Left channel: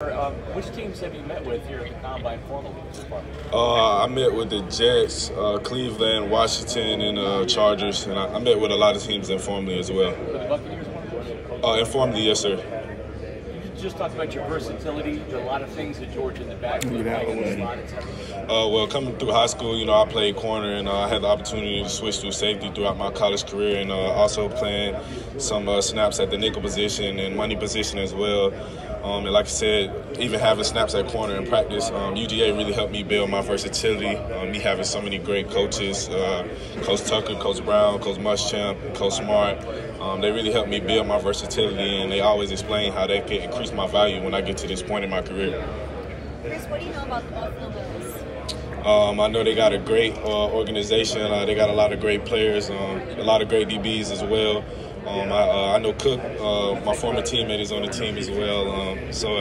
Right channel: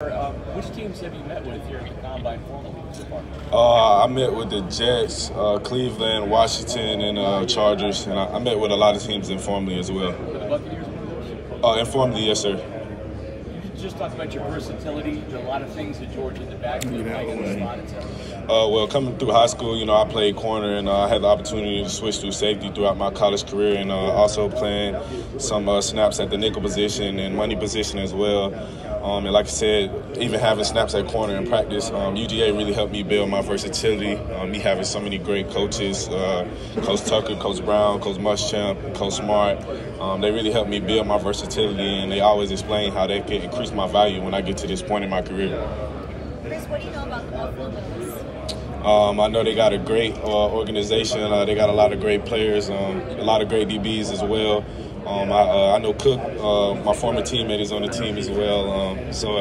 Which teams have you met with here at the Combine formally so far? I met with the Jets, Cleveland, Washington, and Chargers, and I met with a lot of teams informally as well. With the Buccaneers? Informally, yes, sir. You just talked about your versatility, a lot of things at Georgia in the backfield, playing in the slot, etc. Well, coming through high school, I played corner, and I had the opportunity to switch through safety throughout my college career, and also playing some snaps at the nickel position and money position as well. And like I said, even having snaps at corner in practice, UGA really helped me build my versatility. Me having so many great coaches, Coach Tucker, Coach Brown, Coach Muschamp, Coach Smart, they really helped me build my versatility, and they always explain how they can increase my value when I get to this point in my career. Chris, what do you know about the Buffalo Bills? I know they got a great organization. They got a lot of great players, a lot of great DBs as well. I know Cook, my former teammate, is on the team as well.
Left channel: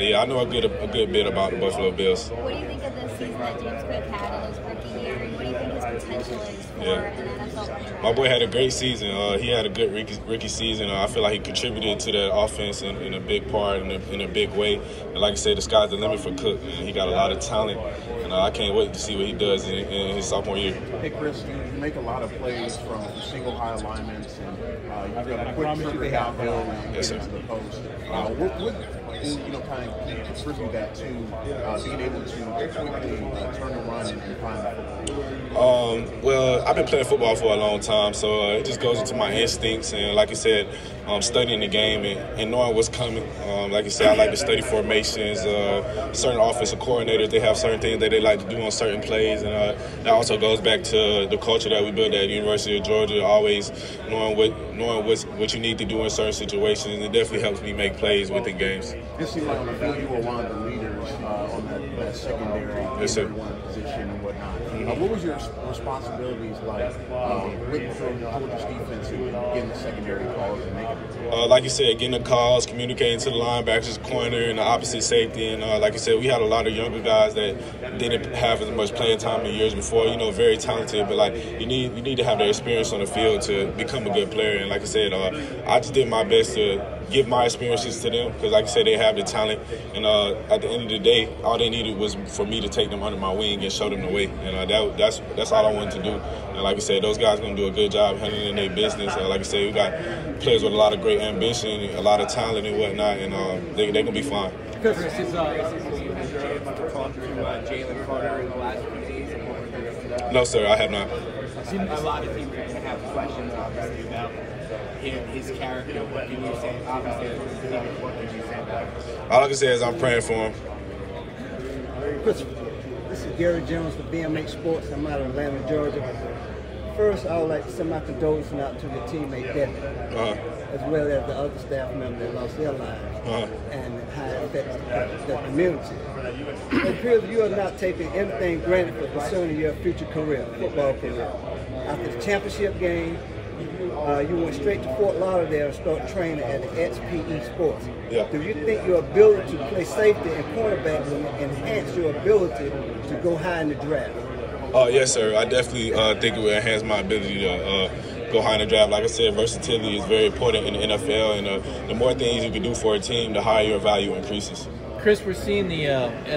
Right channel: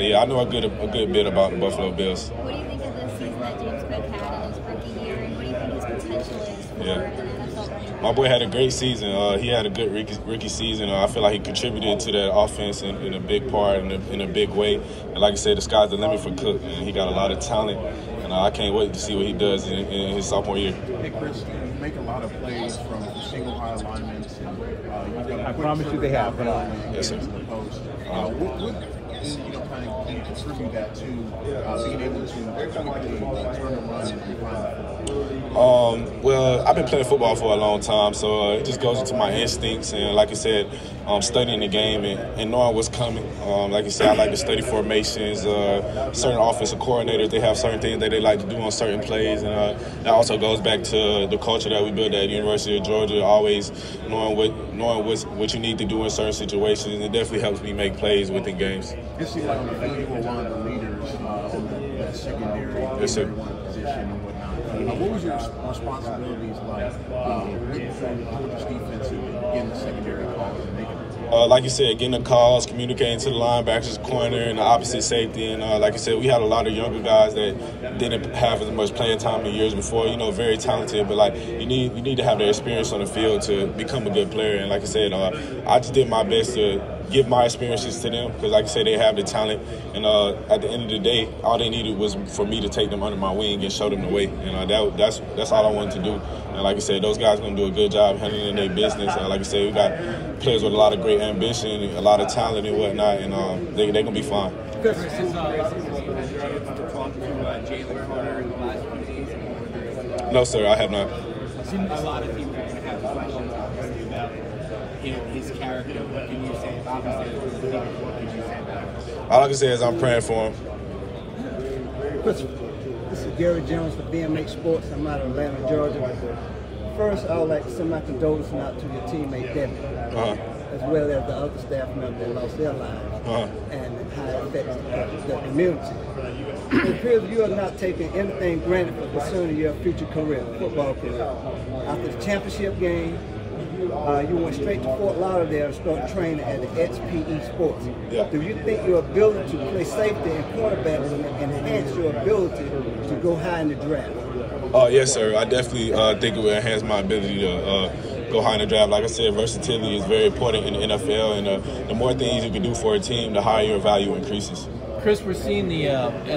Yeah, I know a good bit about the Buffalo Bills. What do you think of the season that James Cook had in his rookie year, and what do you think his potential is for an NFL running back? My boy had a great season. He had a good rookie season. I feel like he contributed to that offense in a big part, in a big way. And like I said, the sky's the limit for Cook, and he got a lot of talent. And I can't wait to see what he does in his sophomore year. Hey, Chris, you make a lot of plays from single high alignments, and you've got a quick trigger downhill and yes, sir. To the post. What kind of contribute that to being able to quickly turn and run and find the football? Well, I've been playing football for a long time, so it just goes into my instincts. And like I said, studying the game and knowing what's coming. Like I said, I like to study formations. Certain offensive coordinators, they have certain things that they like to do on certain plays. And that also goes back to the culture that we built at the University of Georgia, always knowing what you need to do in certain situations. It definitely helps me make plays within games. It seemed like on the field you were one of the leaders on that secondary position and whatnot. What was your responsibilities like with Georgia's defense and getting the secondary calls and making it? Like you said, getting the calls, communicating to the linebackers, corner, and the opposite safety. And like I said, we had a lot of younger guys that didn't have as much playing time in years before. Very talented, but like you need to have the experience on the field to become a good player. And like I said, I just did my best to give my experiences to them because, like I said, they have the talent. And at the end of the day, all they needed was for me to take them under my wing and show them the way. And that's all I wanted to do. And like I said, those guys are going to do a good job handling their business. Like I said, we got players with a lot of great ambition, a lot of talent and whatnot, and they're going to be fine. Chris, have you had a chance to talk to Jalen Carter in the last few days? No, sir, I have not. A lot of people are going to have questions, obviously, about his character. What can you say? Obviously, what can you say about him? All I can say is I'm praying for him. This is Gary Jones for BMX Sports. I'm out of Atlanta, Georgia. First, I would like to send my condolences out to your teammate, Devin, as well as the other staff members that lost their lives, and how it affects the community. It appears you are not taking anything granted for concerning your future career, football career. After the championship game, you went straight to Fort Lauderdale and started training at the XPE Sports. Yeah. Do you think your ability to play safety and cornerback will enhance your ability to go high in the draft? Yes, sir. I definitely think it will enhance my ability to go high in the draft. Like I said, versatility is very important in the NFL, and the more things you can do for a team, the higher your value increases. Chris, we're seeing the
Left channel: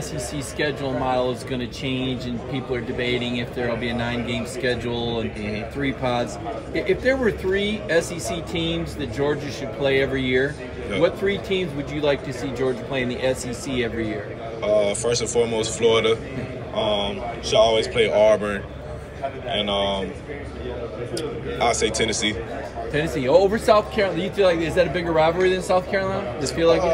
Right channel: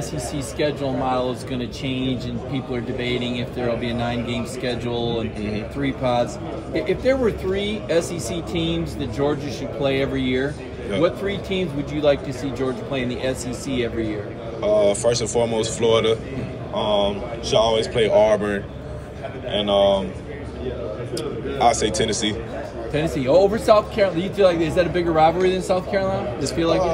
SEC schedule model is going to change, and people are debating if there will be a 9-game schedule and 3 pods. If there were 3 SEC teams that Georgia should play every year, what 3 teams would you like to see Georgia play in the SEC every year? First and foremost, Florida. Should always play Auburn, and I'll say Tennessee. Tennessee over South Carolina. Do you feel like is that a bigger rivalry than South Carolina? Just feel like it?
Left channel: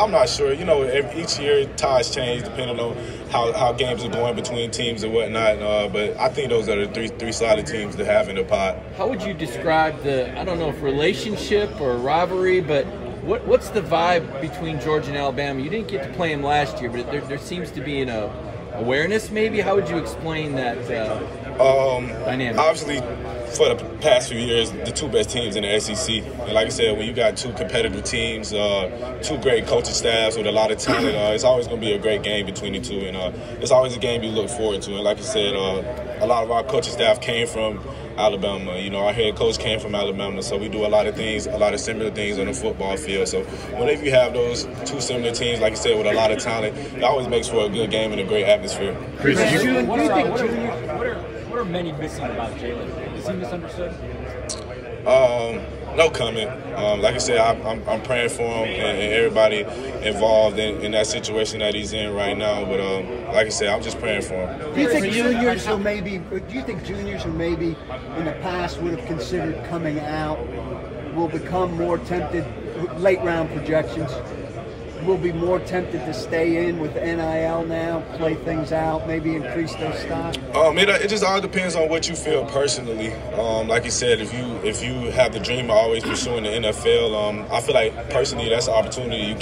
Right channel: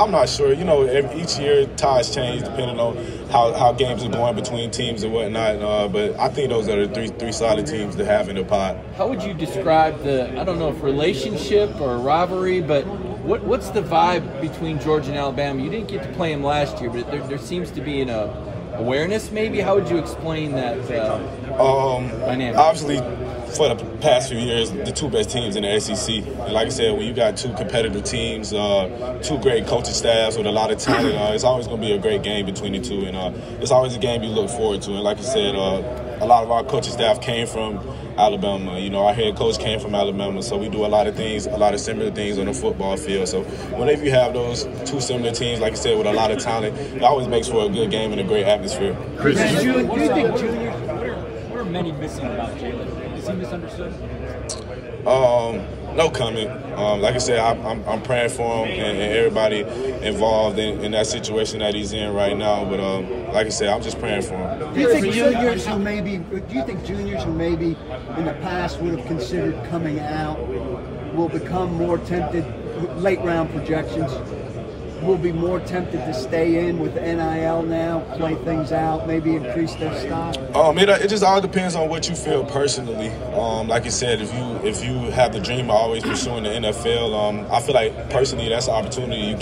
I'm not sure. Each year ties change depending on how games are going between teams and whatnot. But I think those are the three solid teams to have in the pod. How would you describe I don't know if relationship or rivalry, but what's the vibe between Georgia and Alabama? You didn't get to play them last year, but there seems to be an awareness maybe. How would you explain that dynamic? Obviously, for the past few years, the two best teams in the SEC. And like I said, when you got two competitive teams, two great coaching staffs with a lot of talent, it's always going to be a great game between the two. And it's always a game you look forward to. And like I said, a lot of our coaching staff came from Alabama. You know, our head coach came from Alabama, so we do a lot of things, a lot of similar things on the football field. So whenever you have those two similar teams, like I said, with a lot of talent, it always makes for a good game and a great atmosphere. What are many missing about Jalen? Is he misunderstood? No comment. Like I said, I'm praying for him and everybody involved in that situation that he's in right now. But like I said, I'm just praying for him. Do you think juniors who maybe in the past would have considered coming out will become more tempted? Late round projections will be more tempted to stay in with NIL now, play things out, maybe increase their stock? It just all depends on what you feel personally. Like you said, if you have the dream of always pursuing the NFL, I feel like personally that's an opportunity you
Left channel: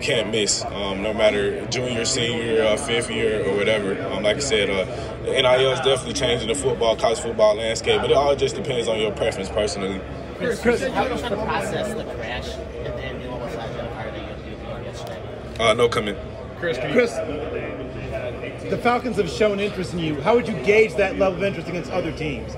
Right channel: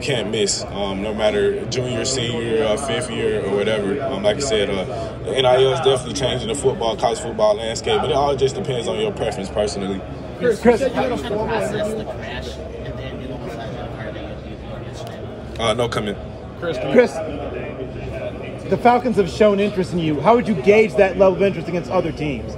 can't miss. No matter junior, senior, fifth year, or whatever. Like I said, the NIL is definitely changing the college football landscape, but it all just depends on your preference personally. Chris, how was the process, the crash, and then the almost like car that you did yesterday? No comment. Chris, the Falcons have shown interest in you. How would you gauge that level of interest against other teams?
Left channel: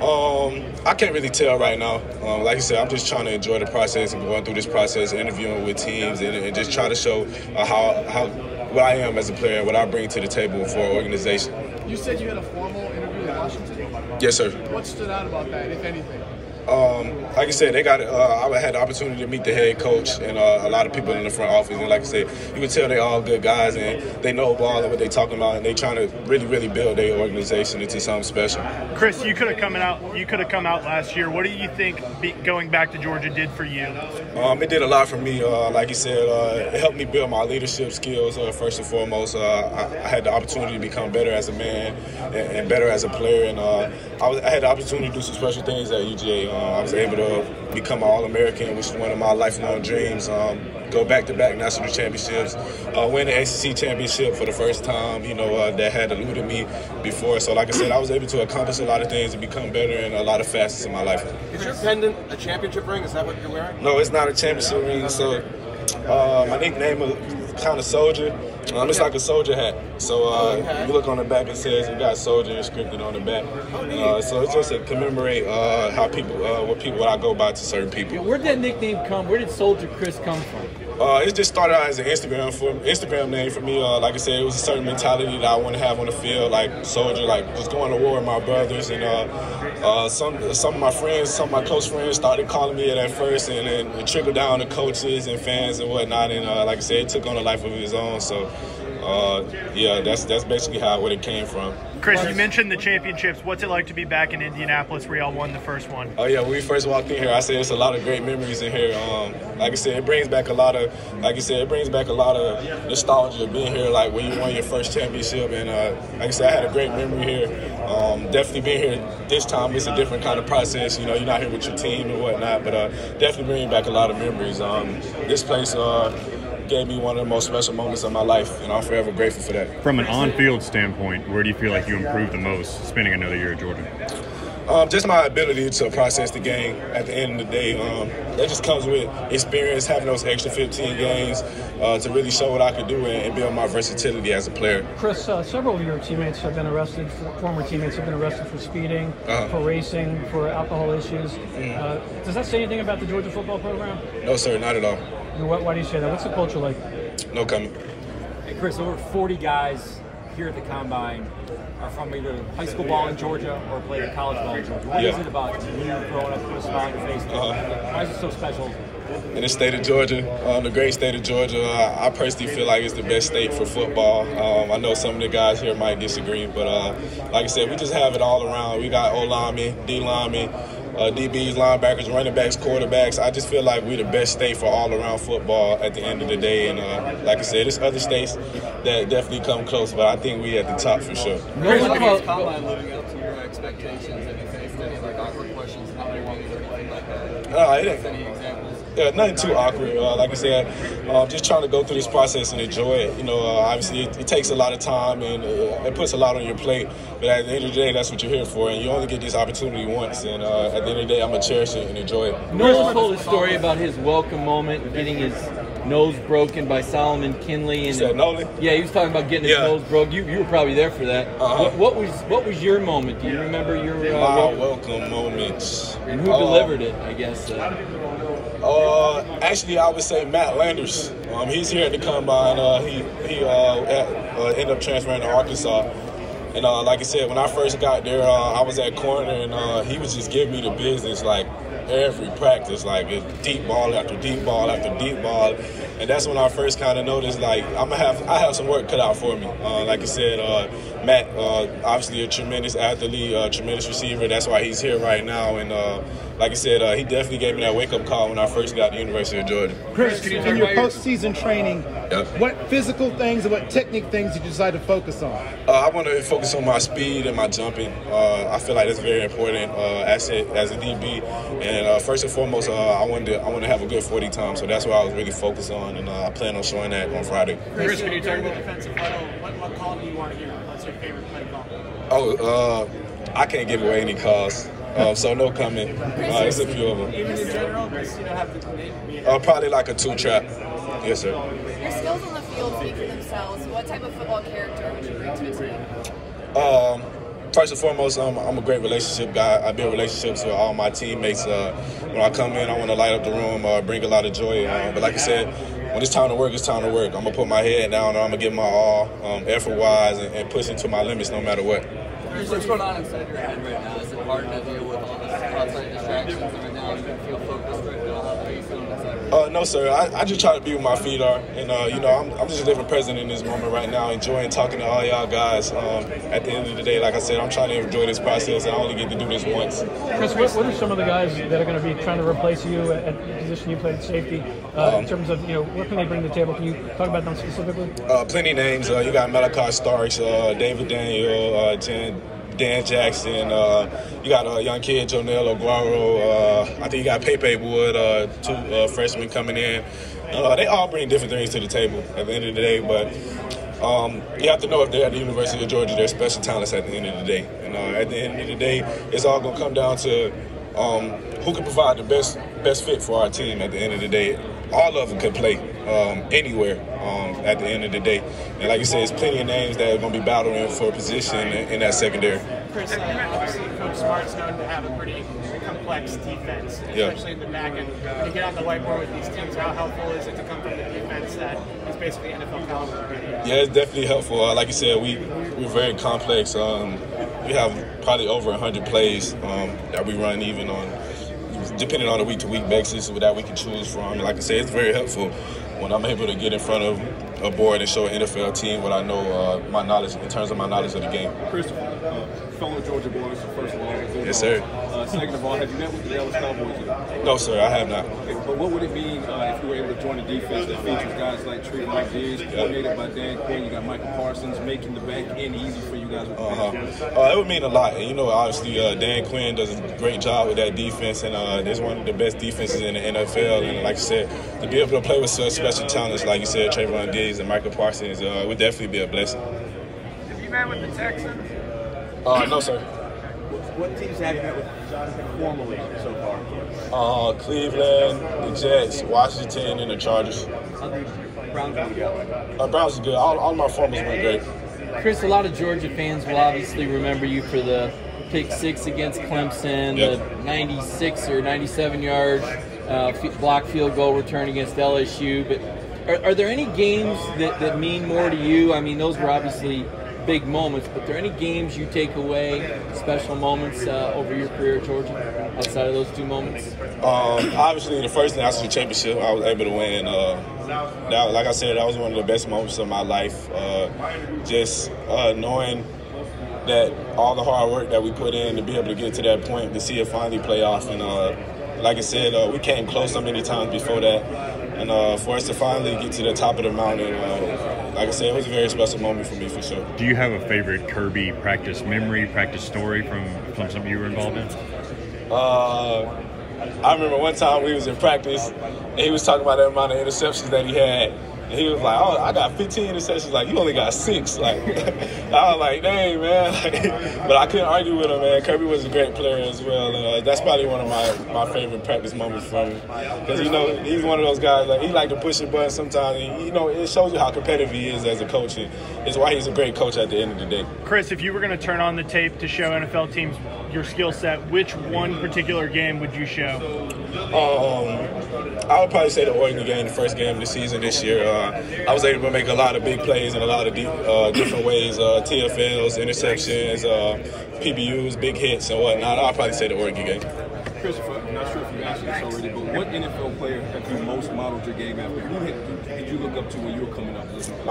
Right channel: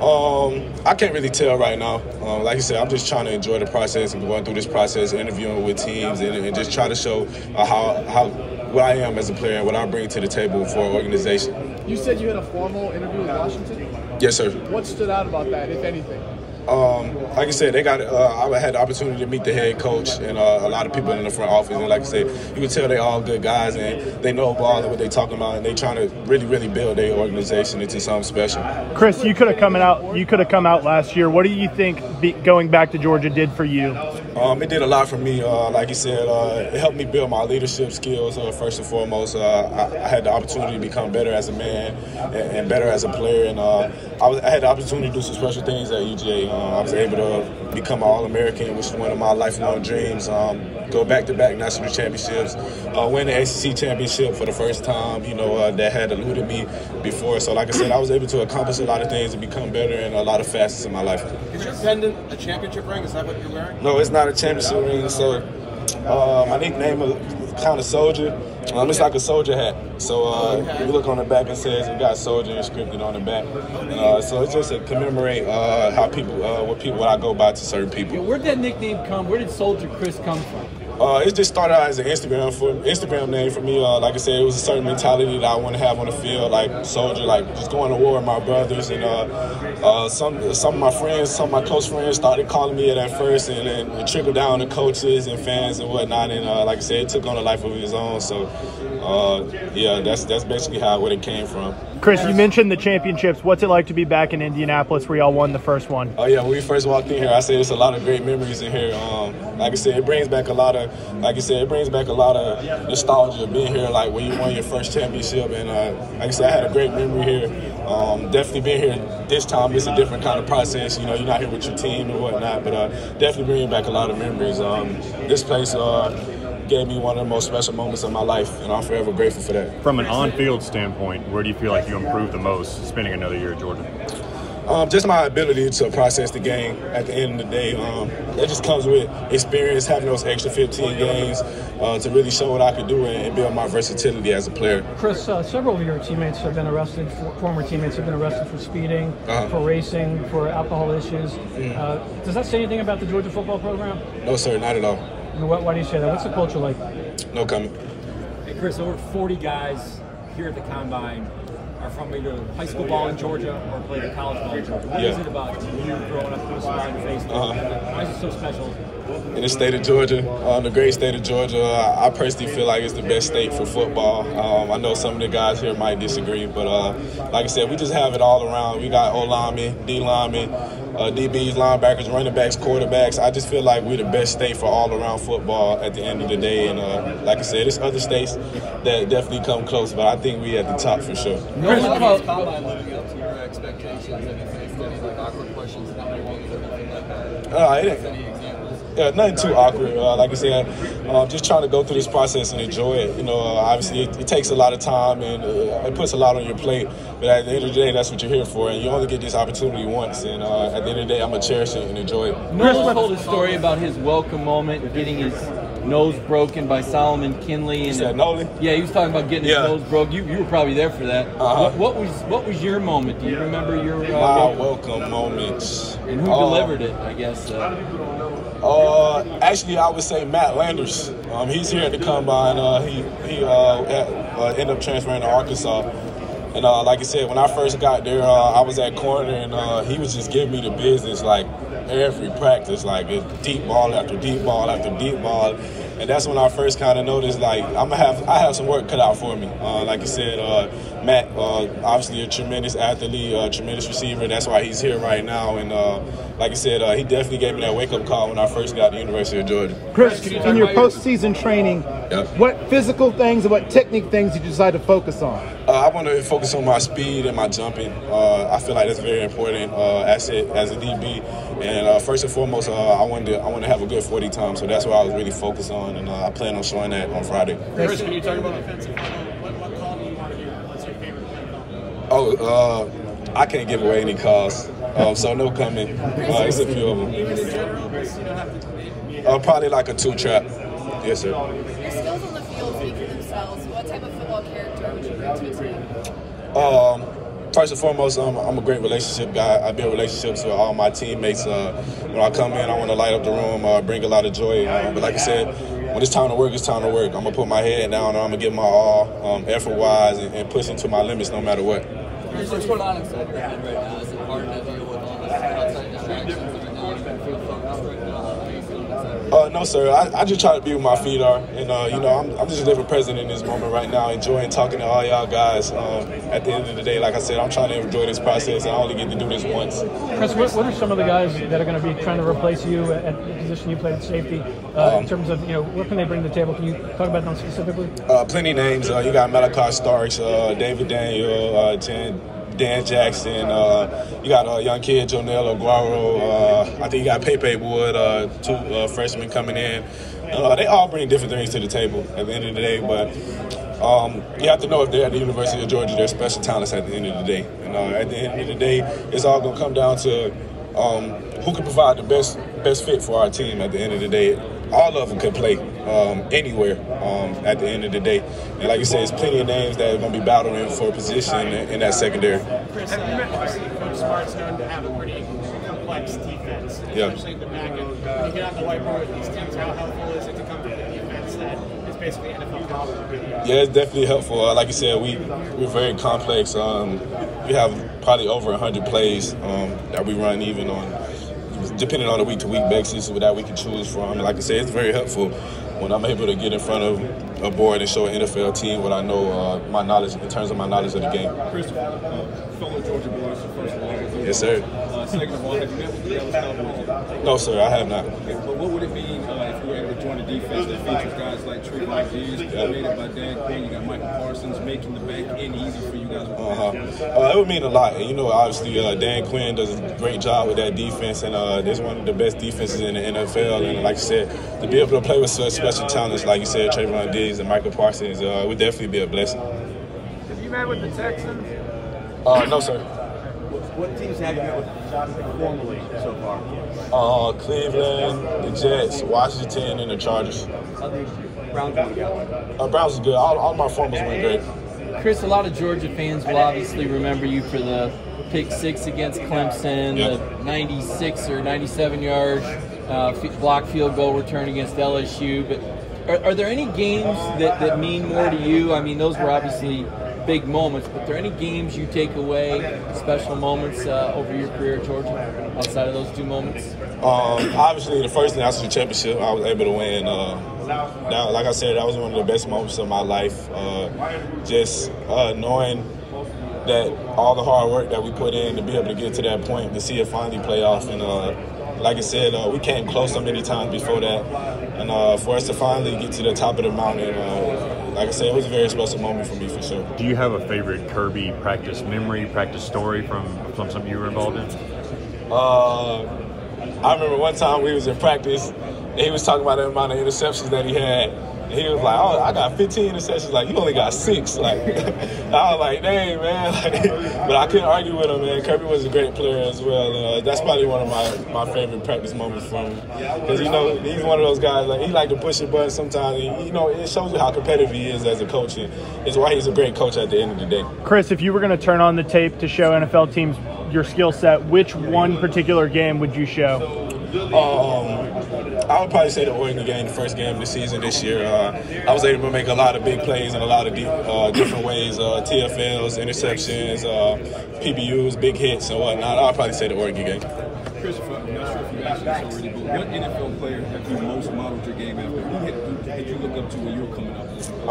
I can't really tell right now. Like I said, I'm just trying to enjoy the process and going through this process, interviewing with teams, and just try to show how what I am as a player and what I bring to the table for an organization. You said you had a formal interview in Washington? Yes, sir. What stood out about that, if anything? Like I said, I had the opportunity to meet the head coach and a lot of people in the front office. And like I said, you can tell they're all good guys and they know ball and what they're talking about, and they're trying to really, really build their organization into something special. Chris, you could have come out last year. What do you think going back to Georgia did for you? It did a lot for me. Like you said, it helped me build my leadership skills first and foremost. I had the opportunity to become better as a man and better as a player, and I had the opportunity to do some special things at UGA. I was able to become an All-American, which is one of my lifelong dreams. Go back-to-back national championships, win the ACC championship for the first time, that had eluded me before. So like I said, I was able to accomplish a lot of things and become better in a lot of facets of my life. Is your pendant a championship ring? Is that what you're wearing? No, it's not a championship ring. So my nickname is kind of Soldier. It's like a soldier hat. So if you look on the back, it says we got Soldier inscripted on the back. So it's just to commemorate what I go by to certain people. Where did that nickname come? Where did Soldier Chris come from? It just started out as an Instagram name for me. Like I said, it was a certain mentality that I want to have on the field, like soldier, like just going to war with my brothers. And some of my friends, some of my close friends started calling me it at first, and then it trickled down to coaches and fans and whatnot. And like I said, it took on a life of its own. So that's basically where it came from. Chris, you mentioned the championships. What's it like to be back in Indianapolis where y'all won the first one? Oh yeah, when we first walked in here, I said it's a lot of great memories in here. Like I said, it brings back a lot of nostalgia being here, like when you won your first championship. And like I said, I had a great memory here. Definitely being here this time is a different kind of process. You're not here with your team and whatnot, but definitely bringing back a lot of memories. This place gave me one of the most special moments of my life, and I'm forever grateful for that. From an on-field standpoint, where do you feel like you improved the most spending another year at Georgia? Just my ability to process the game at the end of the day. That just comes with experience, having those extra 15 games to really show what I could do and build my versatility as a player. Chris, several of your teammates have been arrested, former teammates have been arrested for speeding, for racing, for alcohol issues. Does that say anything about the Georgia football program? No, sir, not at all. Why do you say that? What's the culture like? No comment. Hey, Chris, over 40 guys here at the Combine are from either high school ball in Georgia or played college ball in Georgia. What is it about you growing up with a smile on your face? Why is it so special? In the state of Georgia, the great state of Georgia, I personally feel like it's the best state for football. I know some of the guys here might disagree, but like I said, we just have it all around. We got O-linemen, D-linemen, DBs, linebackers, running backs, quarterbacks. I just feel like we're the best state for all-around football at the end of the day. And like I said, there's other states that definitely come close, but I think we at the top for sure. Is Combine living up to your expectations? Have you faced any awkward questions, not anything like that? Any examples? Nothing too awkward. Like I said, just trying to go through this process and enjoy it. You know, obviously it takes a lot of time and it puts a lot on your plate. But at the end of the day, that's what you're here for, and you only get this opportunity once. And at the end of the day, I'm gonna cherish it and enjoy it. Noel told a story about his welcome moment, getting his nose broken by Solomon Kinley. And Nolan? Yeah, he was talking about getting his nose broke. You were probably there for that. What was your moment? Do you remember your my welcome moments? And who delivered it? I guess. Actually, I would say Matt Landers. He's here at the combine. He ended up transferring to Arkansas. And like I said, when I first got there, I was at corner, and he was just giving me the business, like every practice, like deep ball after deep ball after deep ball. And that's when I first kind of noticed, like, I have some work cut out for me. Like I said, Matt, obviously a tremendous athlete, tremendous receiver. That's why he's here right now. And like I said, he definitely gave me that wake-up call when I first got to the University of Georgia. Chris, in your postseason training, what physical things and what technique things did you decide to focus on? I want to focus on my speed and my jumping. I feel like that's very important as a DB. And first and foremost, I want to have a good 40 time. So that's what I was really focused on, and I plan on showing that on Friday. Chris, when you talk about defensive huddle, what call do you want to hear? What's your favorite play call? I can't give away any calls. So no comment. It's a few of them. Even in general, just have probably like a 2-trap. Yes, sir. Your skills on the field speak for themselves. What type of football character would you bring to a team? First and foremost, I'm a great relationship guy. I build relationships with all my teammates. When I come in, I want to light up the room, bring a lot of joy. But like I said, when it's time to work, it's time to work. I'm going to put my head down, and I'm going to give my all, effort-wise, and push it to my limits no matter what. What's going on inside your head right now? Is it hard to deal with all the outside distractions right now? You can feel focused right now. How are you feeling inside? No, sir. I just try to be where my feet are. And, I'm just living present in this moment right now, enjoying talking to all y'all guys. At the end of the day, like I said, I'm trying to enjoy this process. I only get to do this once. Chris, what are some of the guys that are going to be trying to replace you at the position you played at safety in terms of, what can they bring to the table? Can you talk about them specifically? Plenty of names. You got Malachi Starks, David Daniel, Dan Jackson. You got a young kid, Jonell Aguero. I think you got Pepe Wood, 2 freshmen coming in. They all bring different things to the table at the end of the day, but you have to know if they're at the University of Georgia, they're special talents at the end of the day. At the end of the day, it's all going to come down to who can provide the best fit for our team at the end of the day. All of them can play anywhere at the end of the day. And like you said, there's plenty of names that are going to be battling for a position in that secondary. Chris, obviously Coach Smart's known to have a pretty complex defense, especially in the back end. When you get on the whiteboard with these teams, how helpful is it to come from a defense that is basically NFL caliber? Yeah, it's definitely helpful. Like you said, we're very complex. We have probably over 100 plays that we run even on, depending on a week-to-week basis that we can choose from. And like I said, it's very helpful when I'm able to get in front of a board and show an NFL team what I know, my knowledge in terms of my knowledge of the game. Christopher, fellow Georgia boys, first of all. Yes, sir. Second of all, have you met with the Dallas Cowboys yet? No, sir, I have not. Okay, but what would it mean if you were able to join a defense that features guys like Trevon Diggs, coordinated by Dan Quinn, you got Michael Parsons, making the back end easy for you guys? It would mean a lot. And, obviously, Dan Quinn does a great job with that defense, and there's one of the best defenses in the NFL. And like I said, to be able to play with such special talents, like you said, Trevon Diggs and Michael Parsons, would definitely be a blessing. Have you met with the Texans? No, sir. What teams have you met with formally so far? Cleveland, the Jets, Washington, and the Chargers. Browns is good. All my formals went great. Chris, a lot of Georgia fans will obviously remember you for the pick 6 against Clemson, the 96 or 97-yard block field goal return against LSU. But are there any games that mean more to you? I mean, those were obviously big moments, but are there any games you take away, special moments over your career at Georgia, outside of those 2 moments? Obviously, the first national championship I was able to win. Now, like I said, that was one of the best moments of my life. Just knowing that all the hard work that we put in to be able to get to that point, to see it finally play off. And like I said, we came close so many times before that. And for us to finally get to the top of the mountain, like I said, it was a very special moment for me, for sure. Do you have a favorite Kirby practice memory, practice story from something you were involved in? I remember one time we was in practice, and he was talking about the amount of interceptions that he had. And he was like, "Oh, I got 15 interceptions." Like, you only got 6. Like, I was like, "Dang, man!" But I couldn't argue with him, man. Kirby was a great player as well. That's probably one of my favorite practice moments from him, because he's one of those guys. Like, he like to push a button sometimes. And, it shows you how competitive he is as a coach, and it's why he's a great coach at the end of the day. Chris, if you were going to turn on the tape to show NFL teams your skill set, which one particular game would you show? I would probably say the Oregon game, the first game of the season this year. I was able to make a lot of big plays in a lot of different ways, TFLs, interceptions, PBUs, big hits, and whatnot. I'll probably say the Oregon game. Christopher, I'm not sure if you've answered this already, but what NFL player have you most modeled your game after? Who did you look up to when you were coming up?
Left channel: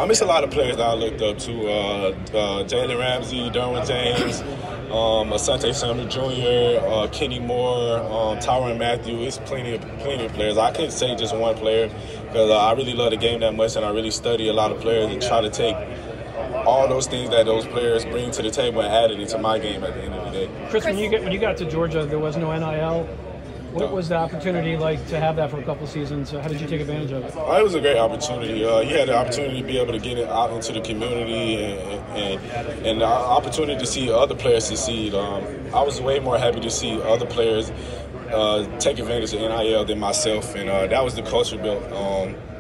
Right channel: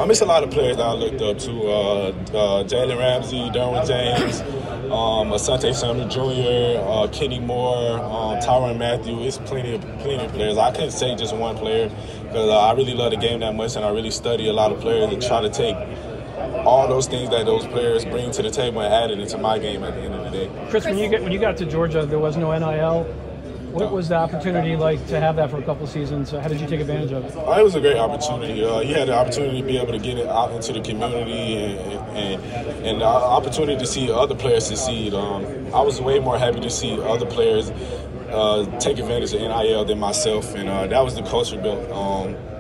It's a lot of players that I looked up to. Jalen Ramsey, Derwin James, Asante Samuel Jr., Kenny Moore, Tyrann Mathieu. It's plenty of players. I couldn't say just one player, because I really love the game that much, and I really study a lot of players and try to take all those things that those players bring to the table and add it into my game at the end of the day. Chris, when you got to Georgia, there was no NIL. What was the opportunity like to have that for a couple of seasons? How did you take advantage of it? It was a great opportunity. You had the opportunity to be able to get it out into the community and the opportunity to see other players succeed. I was way more happy to see other players take advantage of NIL than myself, and that was the culture built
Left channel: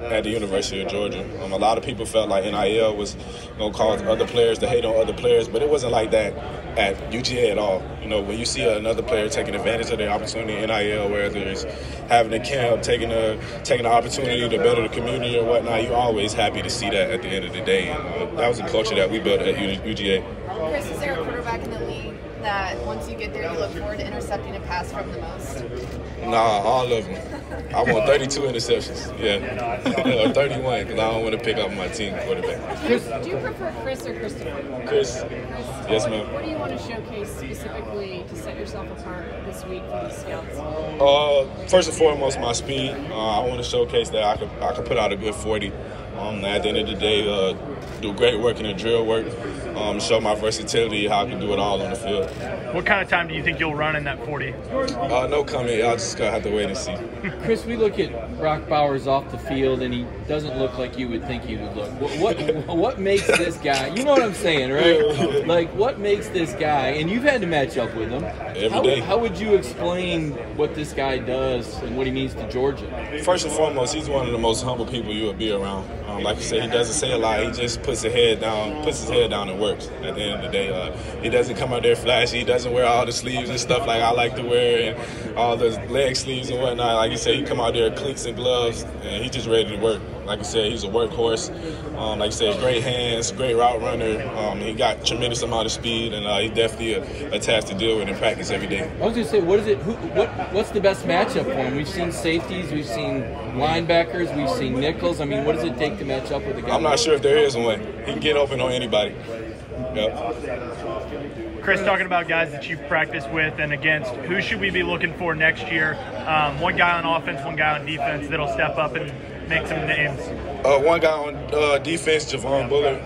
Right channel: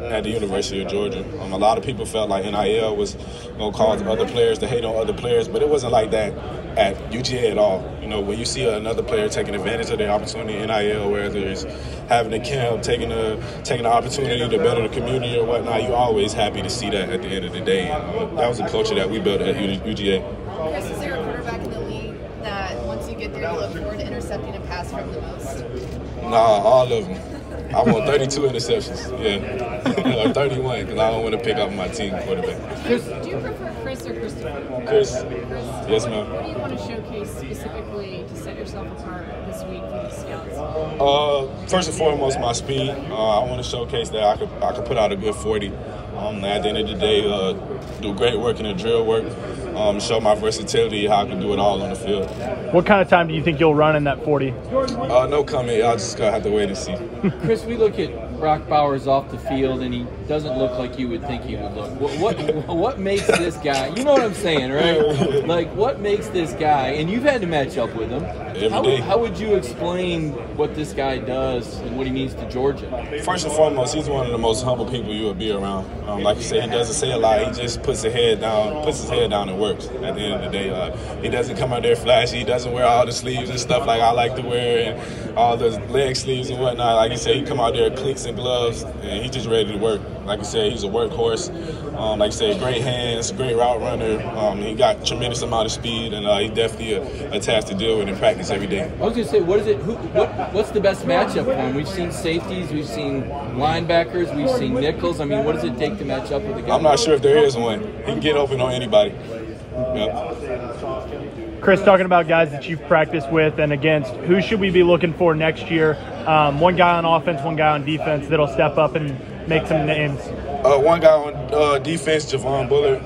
at the University of Georgia. A lot of people felt like NIL was going to cause other players to hate on other players, but it wasn't like that at UGA at all. When you see another player taking advantage of the opportunity in NIL, whether it's having a camp, taking the opportunity to better the community or whatnot, you're always happy to see that at the end of the day. And that was a culture that we built at UGA. Chris, is there a quarterback in the league that once you get there, you look forward to intercepting a pass from the most? Nah, all of them. I want 32 interceptions, yeah. Or 31, because I don't want to pick up my team quarterback. Do you prefer Chris or Christopher? Chris. Yes, ma'am. What do you want to showcase specifically to set yourself apart this week for the scouts? First and foremost, my speed. I want to showcase that I could put out a good 40. At the end of the day, do great work in the drill work, show my versatility, how I can do it all on the field. What kind of time do you think you'll run in that 40? No comment. Y'all just gonna have to wait and see. Chris, we look at Brock Bowers off the field, and he doesn't look like you would think he would look. What makes this guy? You know what I'm saying, right? Like, what makes this guy? And you've had to match up with him every day. How would you explain what this guy does and what he means to Georgia? First and foremost, he's one of the most humble people you would be around. Like you say, he doesn't say a lot. He just puts his head down and works. At the end of the day, he doesn't come out there flashy. He doesn't wear all the sleeves and stuff like I like to wear, and all the leg sleeves and whatnot. Like you said, he come out there cleats and gloves, and he's just ready to work. Like you said, he's a workhorse. Like you said, great hands, great route runner. He got tremendous amount of speed, and he's definitely a task to deal with in practice every day. I was going to say, what's the best matchup for him? We've seen safeties, we've seen linebackers, we've seen nickels. I mean, what does it take to match up with a guy? I'm not sure if there is one. He can get open on anybody. Yep. Chris, talking about guys that you've practiced with and against, who should we be looking for next year? One guy on offense, one guy on defense that'll step up and make some names. One guy on defense, Javon Bullard.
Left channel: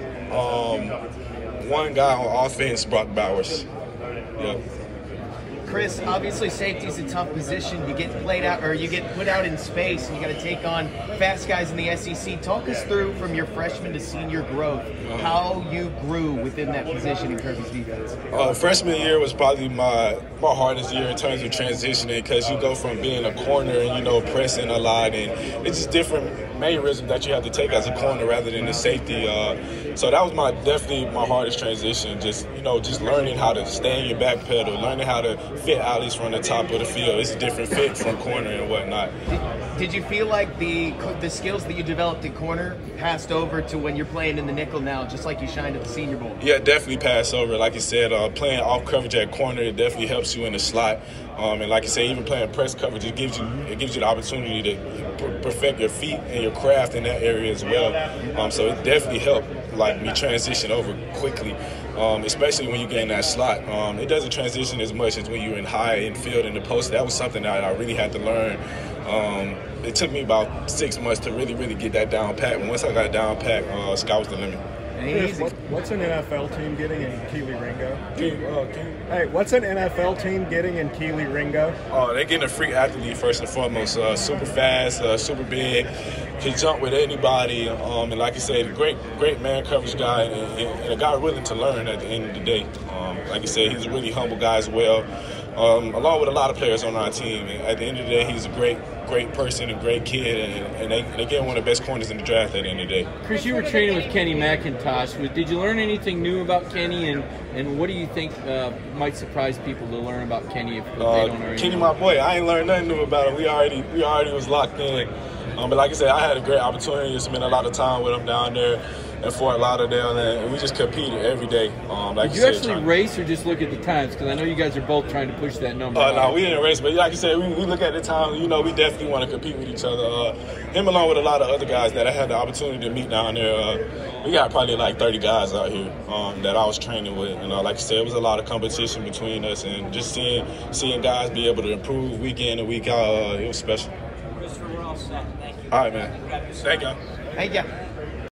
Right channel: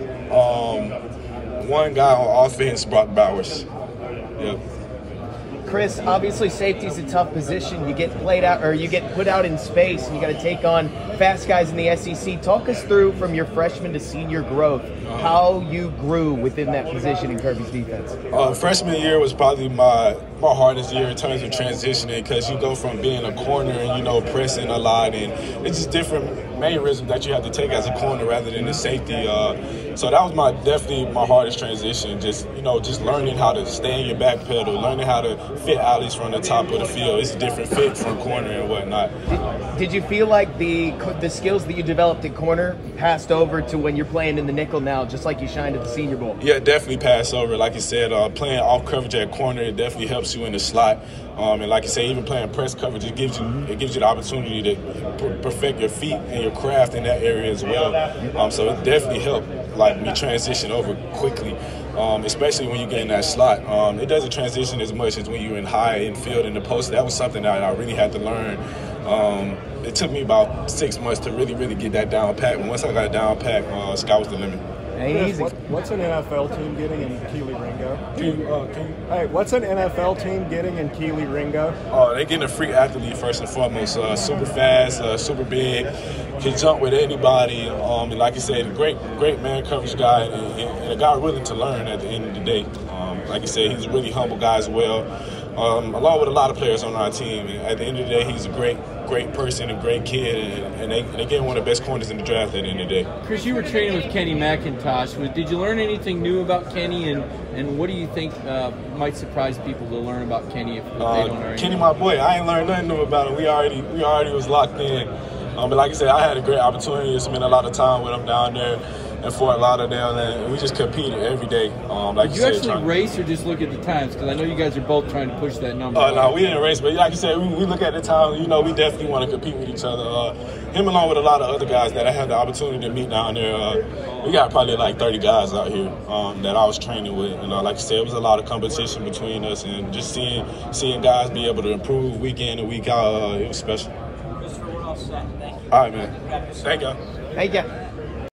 One guy on offense, Brock Bowers. Yep. Chris, obviously safety is a tough position. You get played out, or you get put out in space, and you got to take on fast guys in the SEC. Talk us through, from your freshman to senior growth, how you grew within that position in Kirby's defense. Freshman year was probably my hardest year in terms of transitioning, because you go from being a corner and pressing a lot, and it's just different mannerisms that you have to take as a corner rather than a safety. So that was definitely my hardest transition. Just learning how to stay in your back pedal, learning how to fit alleys from the top of the field. It's a different fit from corner and whatnot. Did you feel like the skills that you developed in corner passed over to when you're playing in the nickel now, just like you shined at the Senior Bowl? Yeah, definitely passed over. Like you said, playing off coverage at corner, it definitely helps you in the slot. And like you say, even playing press coverage, it gives you the opportunity to perfect your feet and your craft in that area as well. So it definitely helped me transition over quickly, especially when you get in that slot. It doesn't transition as much as when you're in high infield in the post. That was something that I really had to learn. It took me about 6 months to really get that down pat. And once I got it down pat, sky was the limit. What's an NFL team getting in Kelee Ringo? Hey, what's an NFL team getting in Kelee Ringo? Oh, they're getting a freak athlete first and foremost. Super fast, super big, can jump with anybody. And like I said, a great man coverage guy, and a guy willing to learn at the end of the day. Like I said, he's a really humble guy as well, along with a lot of players on our team. And at the end of the day, he's a great person, a great kid, and they get one of the best corners in the draft at the end of the day. Chris, you were training with Kenny McIntosh. Did you learn anything new about Kenny, and what do you think might surprise people to learn about Kenny if they don't already? Kenny, my boy, I ain't learned nothing new about him. We already was locked in. But like I said, I had a great opportunity to spend a lot of time with him down there in Fort Lauderdale, and we just competed every day. Did you actually race or just look at the times? Because I know you guys are both trying to push that number. No, we didn't race, but like I said, we look at the time. We definitely want to compete with each other. Him along with a lot of other guys that I had the opportunity to meet down there. We got probably like 30 guys out here that I was training with, and like I said, it was a lot of competition between us, and just seeing guys be able to improve week in and week out, it was special. Mr. We're all set. Thank you. All right, man. Thank you. Thank you.